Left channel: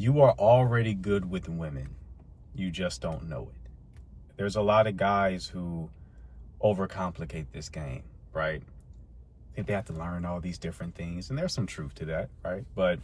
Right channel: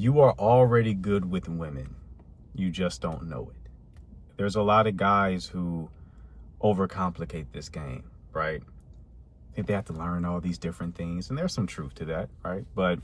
You are already good with women. You just don't know it. There's a lot of guys who overcomplicate this game, right? I think they have to learn all these different things, and there's some truth to that, right? But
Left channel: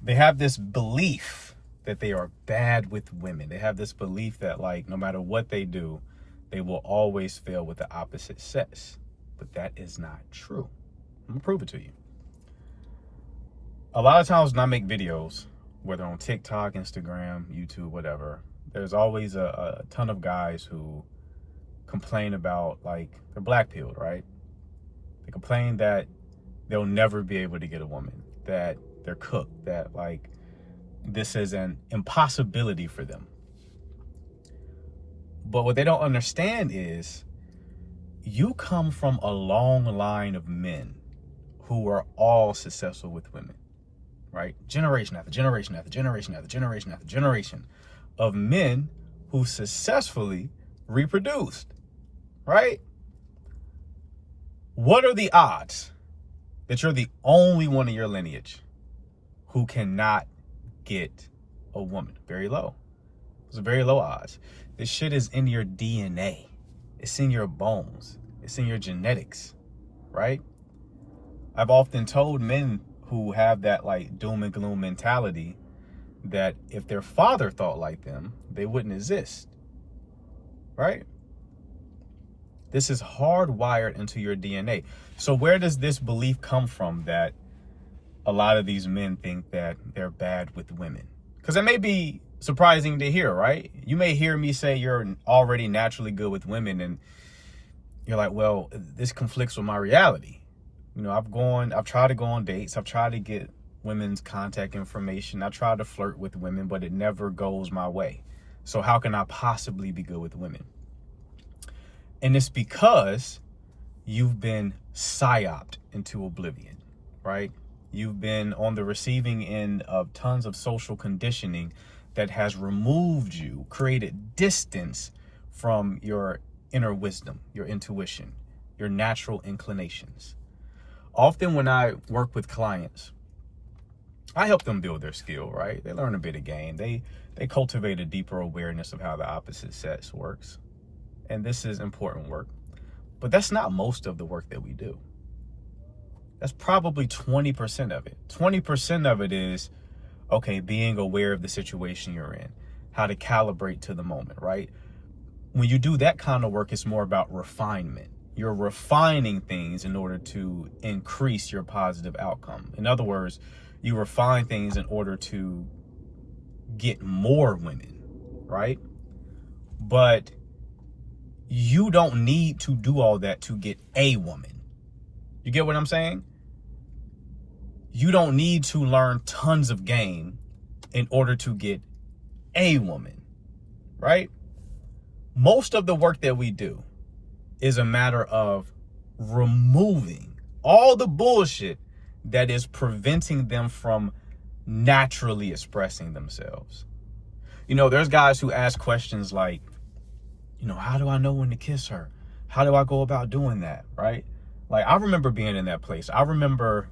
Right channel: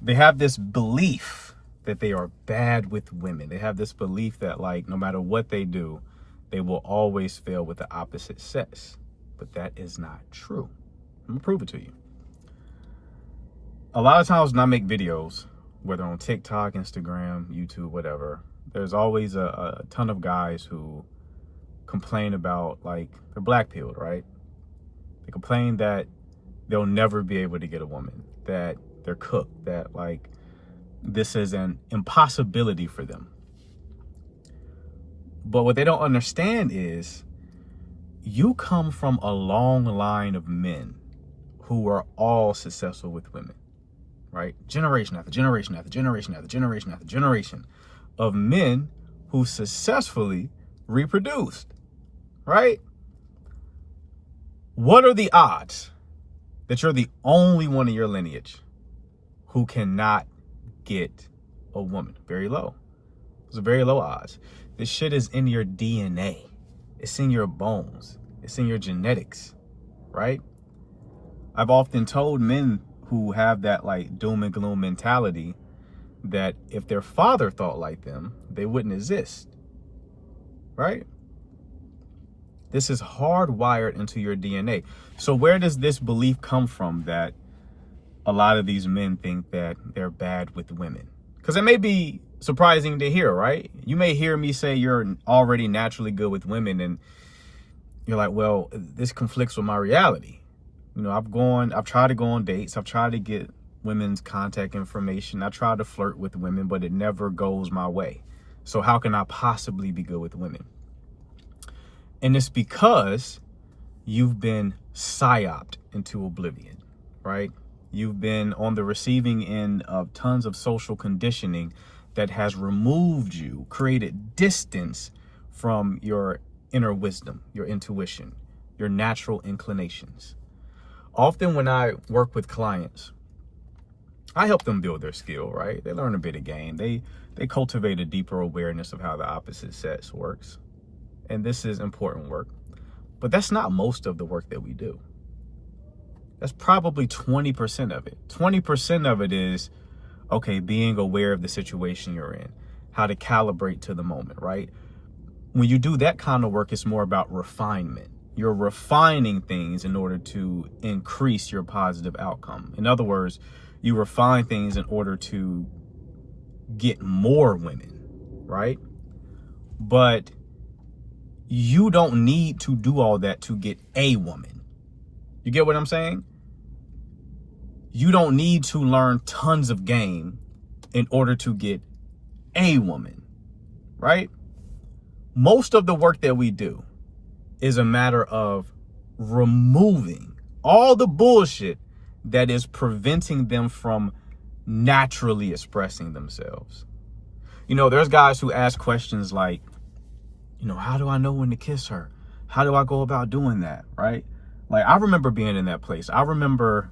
they have this belief that they are bad with women. They have this belief that, like, no matter what they do, they will always fail with the opposite sex. But that is not true. I'm gonna prove it to you. A lot of times when I make videos, whether on TikTok, Instagram, YouTube, whatever, there's always a ton of guys who complain about, like, they're black-pilled, right? They complain that they'll never be able to get a woman, that they're cooked, that, like, this is an impossibility for them. But what they don't understand is you come from a long line of men who are all successful with women, right? Generation after generation after generation after generation after generation of men who successfully reproduced, right? What are the odds that you're the only one in your lineage who cannot get a woman? Very low. It's a very low odds. This shit is in your DNA. It's in your bones. It's in your genetics, right? I've often told men who have that, like, doom and gloom mentality that if their father thought like them, they wouldn't exist, right? This is hardwired into your DNA. So where does this belief come from that a lot of these men think that they're bad with women? Because it may be surprising to hear, right? You may hear me say you're already naturally good with women, and you're like, well, this conflicts with my reality. You know, I've tried to go on dates. I've tried to get women's contact information. I try to flirt with women, but it never goes my way. So how can I possibly be good with women? And it's because you've been psyoped into oblivion, right? You've been on the receiving end of tons of social conditioning that has removed you, created distance from your inner wisdom, your intuition, your natural inclinations. Often when I work with clients, I help them build their skill, right? They learn a bit of game. They cultivate a deeper awareness of how the opposite sex works. And this is important work. But that's not most of the work that we do. That's probably 20% of it. 20% of it is, okay, being aware of the situation you're in, how to calibrate to the moment, right? When you do that kind of work, it's more about refinement. You're refining things in order to increase your positive outcome. In other words, you refine things in order to get more women, right? But you don't need to do all that to get a woman. You get what I'm saying? You don't need to learn tons of game in order to get a woman, right? Most of the work that we do is a matter of removing all the bullshit that is preventing them from naturally expressing themselves. You know, there's guys who ask questions like, you know, how do I know when to kiss her? How do I go about doing that, right? Like, I remember being in that place. I remember,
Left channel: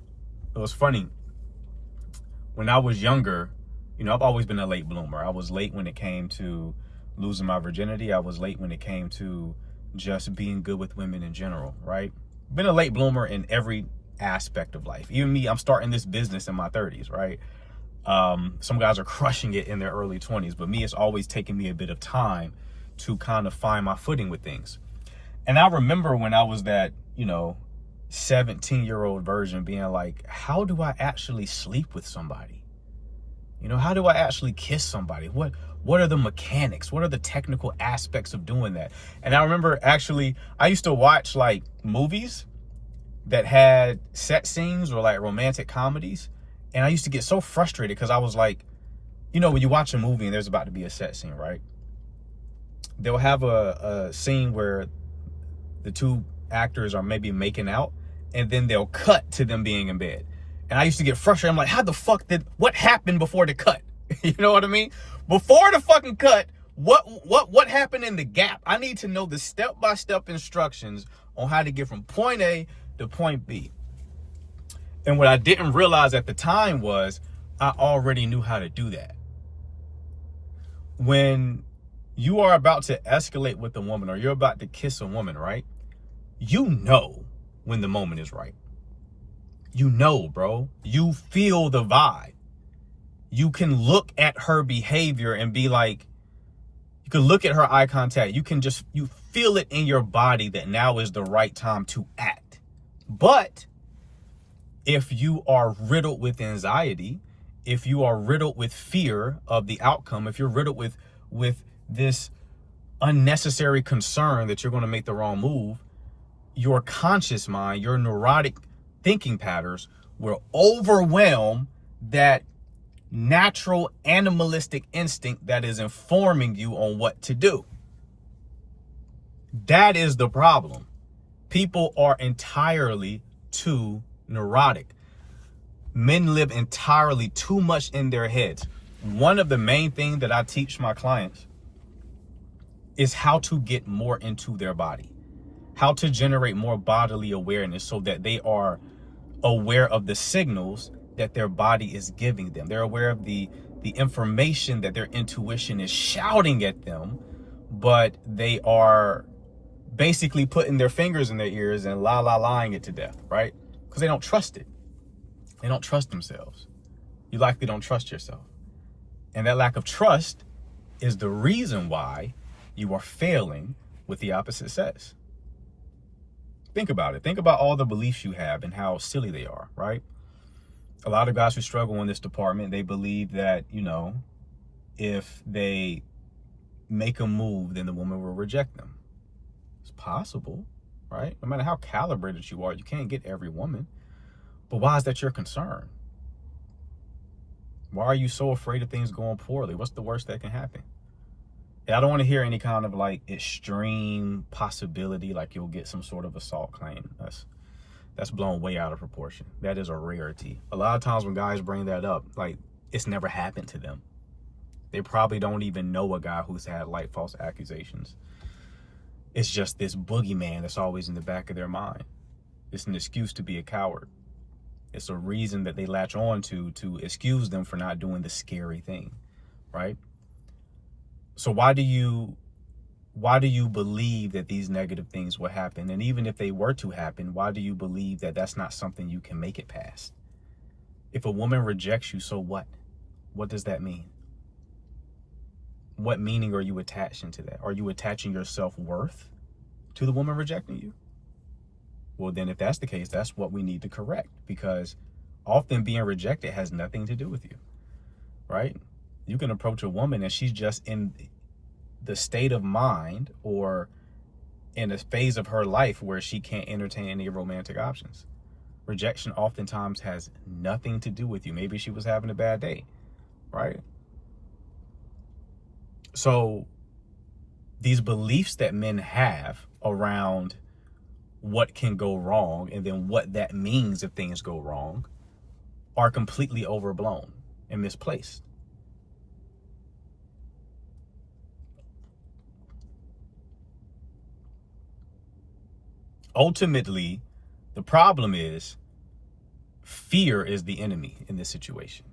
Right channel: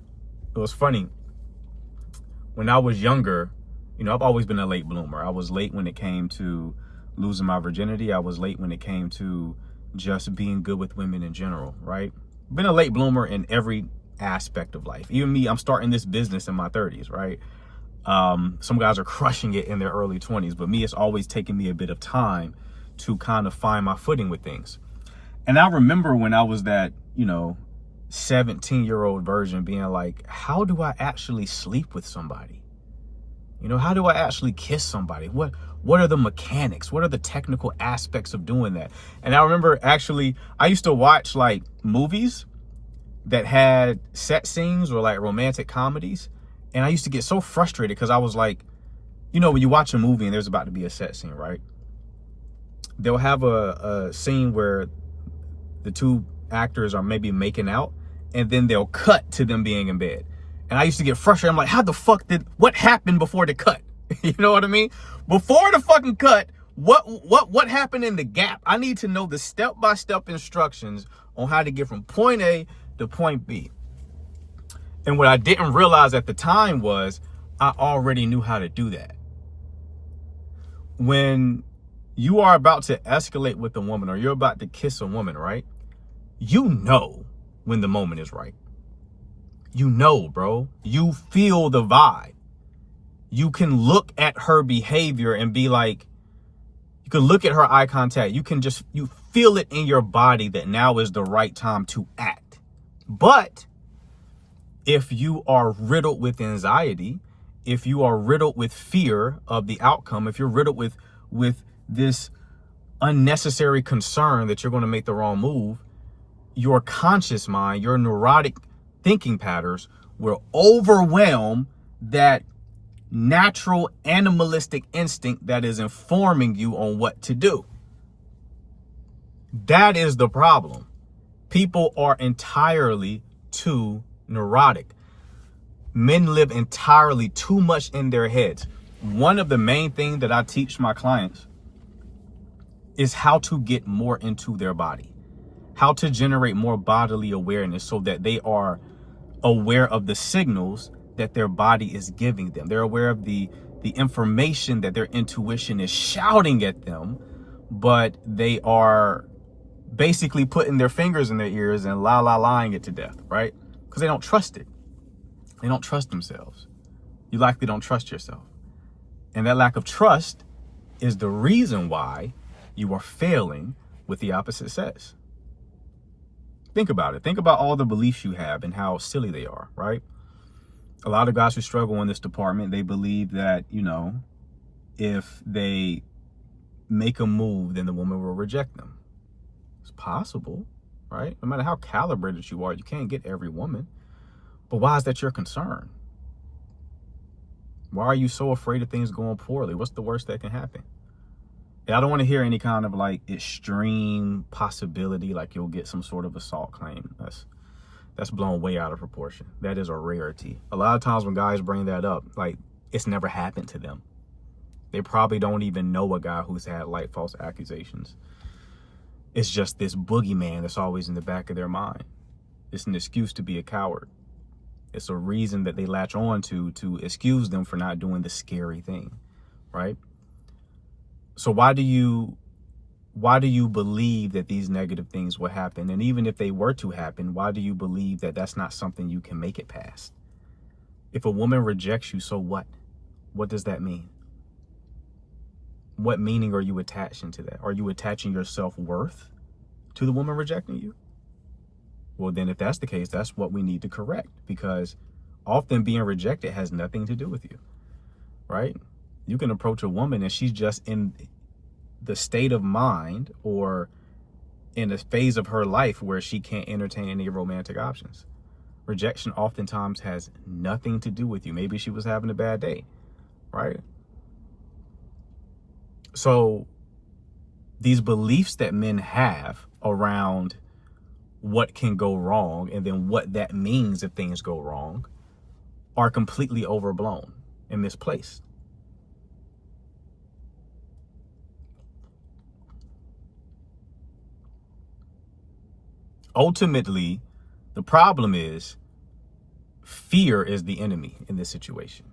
it was funny, when I was younger, you know, I've always been a late bloomer. I was late when it came to losing my virginity. I was late when it came to just being good with women in general, right? Been a late bloomer in every aspect of life. Even me, I'm starting this business in my 30s, right? Some guys are crushing it in their early 20s, but me, it's always taken me a bit of time to kind of find my footing with things. And I remember when I was that, you know, 17-year-old virgin being like, how do I actually sleep with somebody? You know, how do I actually kiss somebody? What are the mechanics? What are the technical aspects of doing that? And I remember actually, I used to watch like movies that had sex scenes or like romantic comedies. And I used to get so frustrated because I was like, you know, when you watch a movie and there's about to be a sex scene, right? They'll have a scene where the two actors are maybe making out, and then they'll cut to them being in bed. And I used to get frustrated. I'm like, how the fuck what happened before the cut? You know what I mean? Before the fucking cut, what happened in the gap? I need to know the step-by-step instructions on how to get from point A to point B. And what I didn't realize at the time was I already knew how to do that. When you are about to escalate with a woman or you're about to kiss a woman, right? You know when the moment is right. You know, bro. You feel the vibe. You can look at her behavior and be like, you can look at her eye contact. You feel it in your body that now is the right time to act. But if you are riddled with anxiety, if you are riddled with fear of the outcome, if you're riddled with this unnecessary concern that you're going to make the wrong move, your conscious mind, your neurotic thinking patterns will overwhelm that natural animalistic instinct that is informing you on what to do. That is the problem. People are entirely too neurotic. Men live entirely too much in their heads. One of the main things that I teach my clients is how to get more into their body, how to generate more bodily awareness so that they are aware of the signals that their body is giving them. They're aware of the information that their intuition is shouting at them, but they are basically putting their fingers in their ears and lying it to death, right? Because they don't trust it. They don't trust themselves. You likely don't trust yourself. And that lack of trust is the reason why you are failing with the opposite sex. Think about it. Think about all the beliefs you have and how silly they are, right? A lot of guys who struggle in this department, they believe that, if they make a move, then the woman will reject them. It's possible, right? No matter how calibrated you are, you can't get every woman. But why is that your concern? Why are you so afraid of things going poorly? What's the worst that can happen? I don't want to hear any kind of extreme possibility, like you'll get some sort of assault claim. That's blown way out of proportion. That is a rarity. A lot of times when guys bring that up, it's never happened to them. They probably don't even know a guy who's had false accusations. It's just this boogeyman that's always in the back of their mind. It's an excuse to be a coward. It's a reason that they latch on to excuse them for not doing the scary thing, right? So why do you believe that these negative things will happen? And even if they were to happen, why do you believe that that's not something you can make it past? If a woman rejects you, so what? What does that mean? What meaning are you attaching to that? Are you attaching your self-worth to the woman rejecting you? Well, then if that's the case, that's what we need to correct, because often being rejected has nothing to do with you, right? You can approach a woman and she's just in the state of mind or in a phase of her life where she can't entertain any romantic options. Rejection oftentimes has nothing to do with you. Maybe she was having a bad day, right? So these beliefs that men have around what can go wrong and then what that means if things go wrong are completely overblown and misplaced. Ultimately, the problem is fear is the enemy in this situation.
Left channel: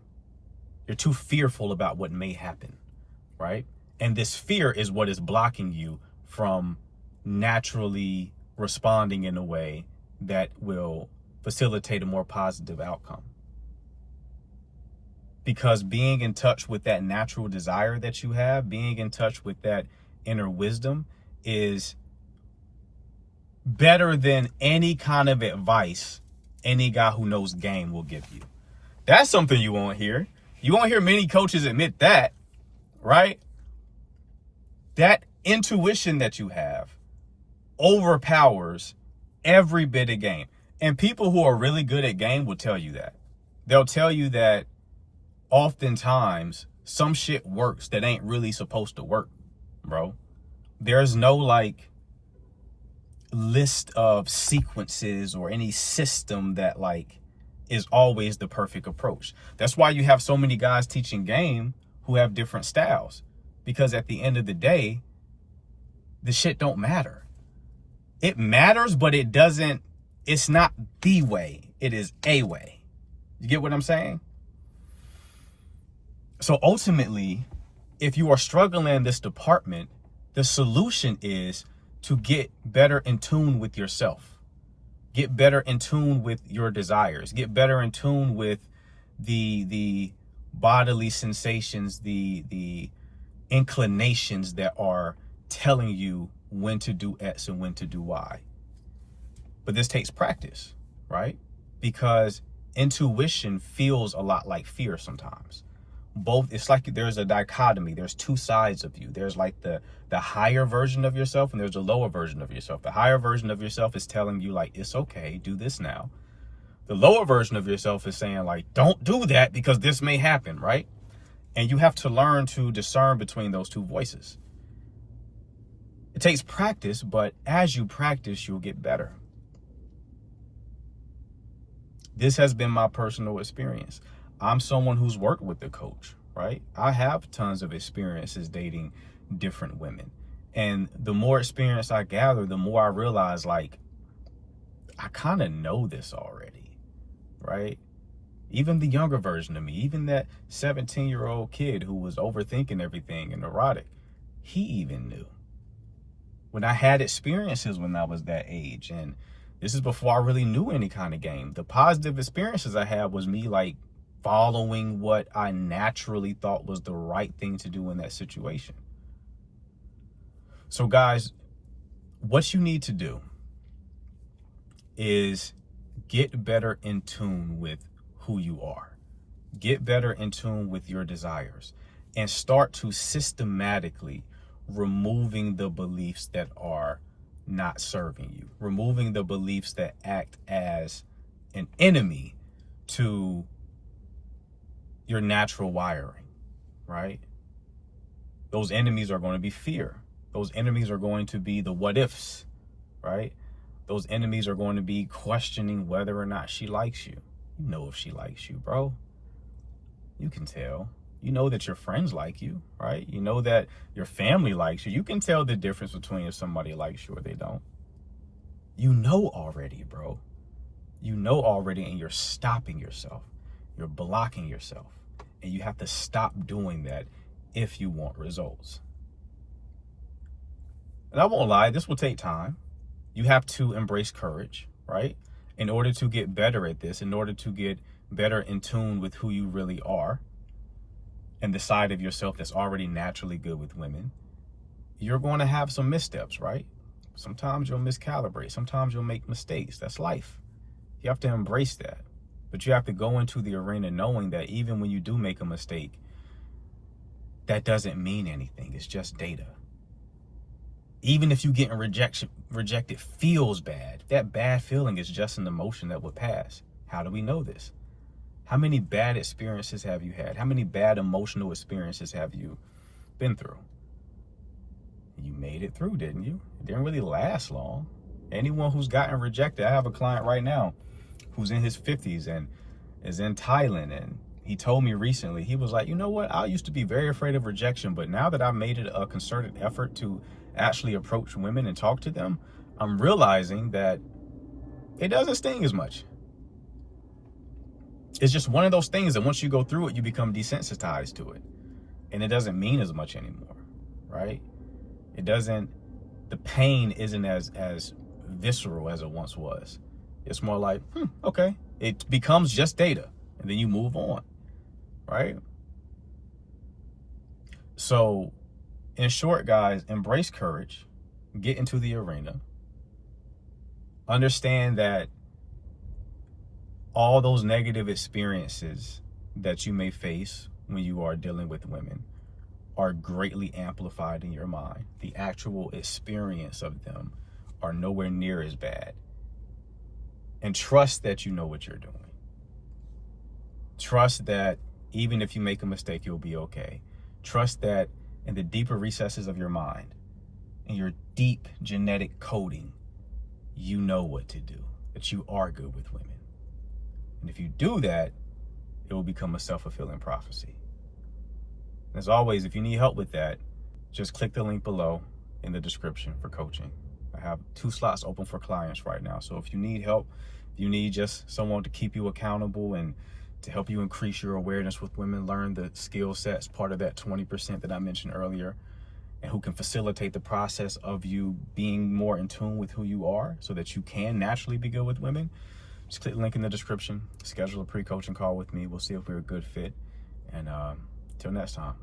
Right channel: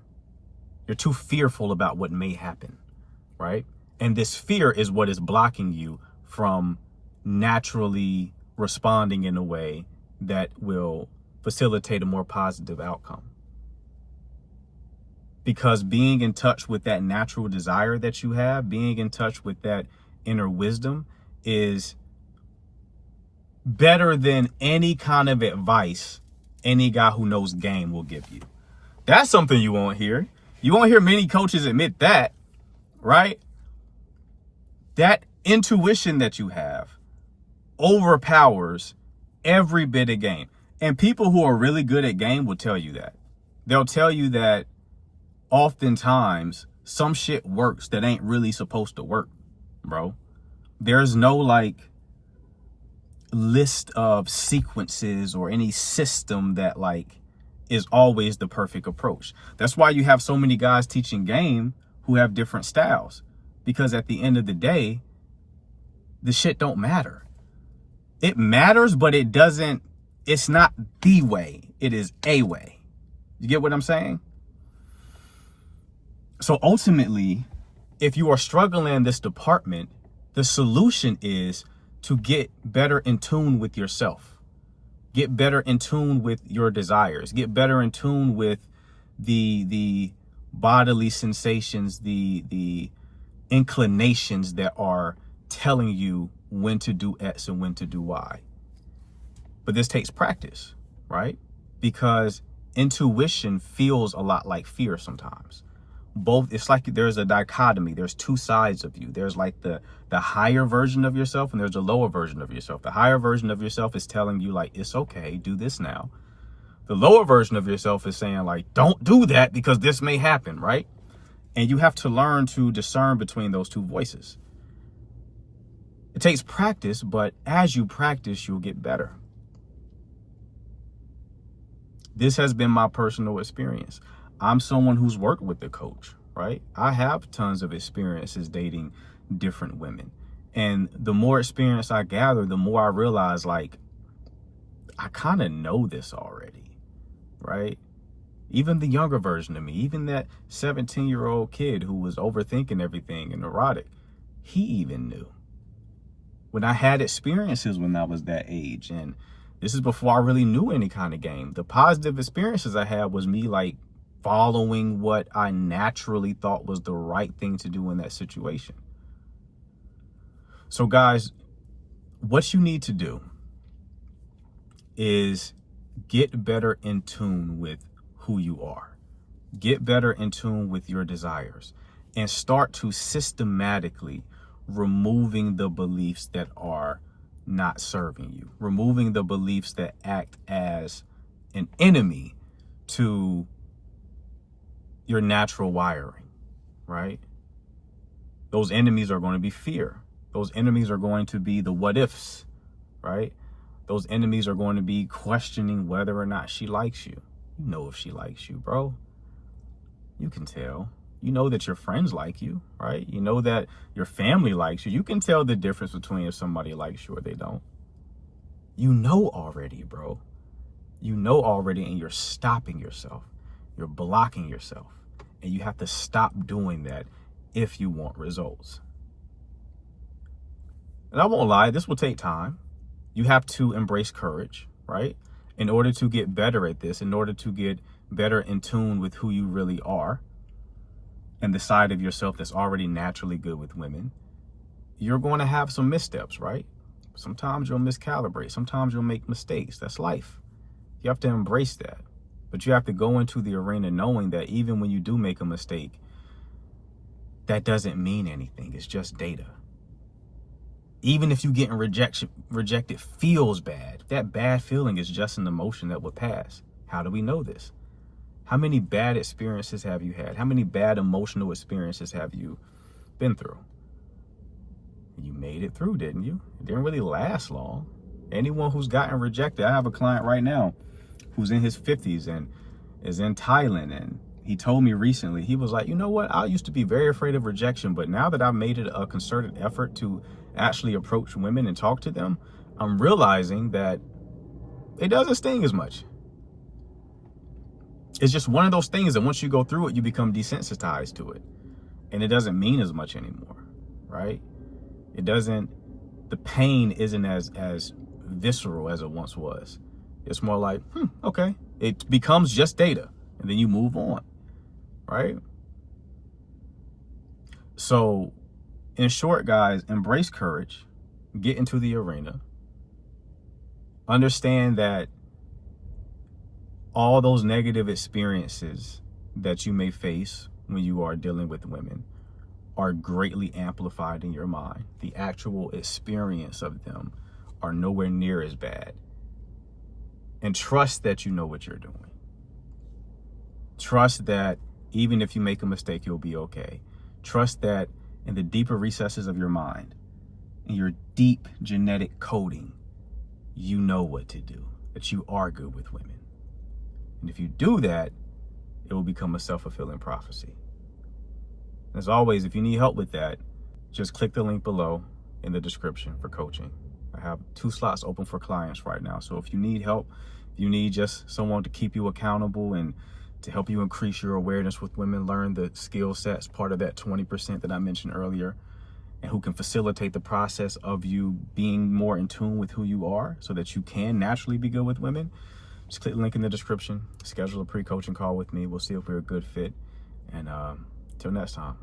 You're too fearful about what may happen, right? And this fear is what is blocking you from naturally responding in a way that will facilitate a more positive outcome. Because being in touch with that natural desire that you have, being in touch with that inner wisdom is better than any kind of advice any guy who knows game will give you. That's something you won't hear. You won't hear many coaches admit that, right? That intuition that you have overpowers every bit of game. And people who are really good at game will tell you that. They'll tell you that oftentimes some shit works that ain't really supposed to work, bro. There's no list of sequences or any system that is always the perfect approach. That's why you have so many guys teaching game who have different styles, because at the end of the day, the shit don't matter. It matters, but it's not the way. It is a way. You get what I'm saying? So ultimately, if you are struggling in this department, the solution is to get better in tune with yourself. Get better in tune with your desires. Get better in tune with the bodily sensations, the inclinations that are telling you when to do X and when to do Y. But this takes practice, right? Because intuition feels a lot like fear sometimes. Both, it's like there's a dichotomy. There's two sides of you. There's like the higher version of yourself, and there's a lower version of yourself. The higher version of yourself is telling you like, it's okay, do this now. The lower version of yourself is saying like, don't do that because this may happen, right? And you have to learn to discern between those two voices. It takes practice, but as you practice, you'll get better. This has been my personal experience. I'm someone who's worked with a coach, right? I have tons of experiences dating different women. And the more experience I gather, the more I realize like, I kind of know this already, right? Even the younger version of me, even that 17-year-old kid who was overthinking everything and neurotic, he even knew. When I had experiences when I was that age, and this is before I really knew any kind of game, the positive experiences I had was me like following what I naturally thought was the right thing to do in that situation. So guys, what you need to do is get better in tune with who you are. Get better in tune with your desires and start to systematically removing the beliefs that are not serving you, removing the beliefs that act as an enemy to your natural wiring, right? Those enemies are going to be fear. Those enemies are going to be the what ifs, right? Those enemies are going to be questioning whether or not she likes you. You know if she likes you, bro. You can tell. You know that your friends like you, right? You know that your family likes you. You can tell the difference between if somebody likes you or they don't. You know already, bro. You know already, and you're stopping yourself. You're blocking yourself. And you have to stop doing that if you want results. And I won't lie, this will take time. You have to embrace courage, right? In order to get better at this, in order to get better in tune with who you really are and the side of yourself that's already naturally good with women, you're going to have some missteps, right? Sometimes you'll miscalibrate. Sometimes you'll make mistakes. That's life. You have to embrace that. But you have to go into the arena knowing that even when you do make a mistake, that doesn't mean anything. It's just data. Even if you getting rejected feels bad, that bad feeling is just an emotion that would pass. How do we know this? How many bad experiences have you had? How many bad emotional experiences have you been through? You made it through, didn't you? It didn't really last long. Anyone who's gotten rejected, I have a client right now who's in his 50s and is in Thailand, and he told me recently, he was like, you know what? I used to be very afraid of rejection, but now that I've made it a concerted effort to actually approach women and talk to them, I'm realizing that it doesn't sting as much. It's just one of those things that once you go through it, you become desensitized to it. And it doesn't mean as much anymore, right? It doesn't, the pain isn't as visceral as it once was. It's more like, okay. It becomes just data, and then you move on, right? So, in short, guys, embrace courage, get into the arena, understand that all those negative experiences that you may face when you are dealing with women are greatly amplified in your mind. The actual experience of them are nowhere near as bad. And trust that you know what you're doing. Trust that even if you make a mistake, you'll be okay. Trust that in the deeper recesses of your mind, in your deep genetic coding, you know what to do, that you are good with women. And if you do that, it will become a self-fulfilling prophecy. As always, if you need help with that, just click the link below in the description for coaching. I have 2 slots open for clients right now. So if you need help, if you need just someone to keep you accountable and to help you increase your awareness with women, learn the skill sets, part of that 20% that I mentioned earlier, and who can facilitate the process of you being more in tune with who you are so that you can naturally be good with women, just click the link in the description, schedule a pre-coaching call with me. We'll see if we're a good fit. And till next time.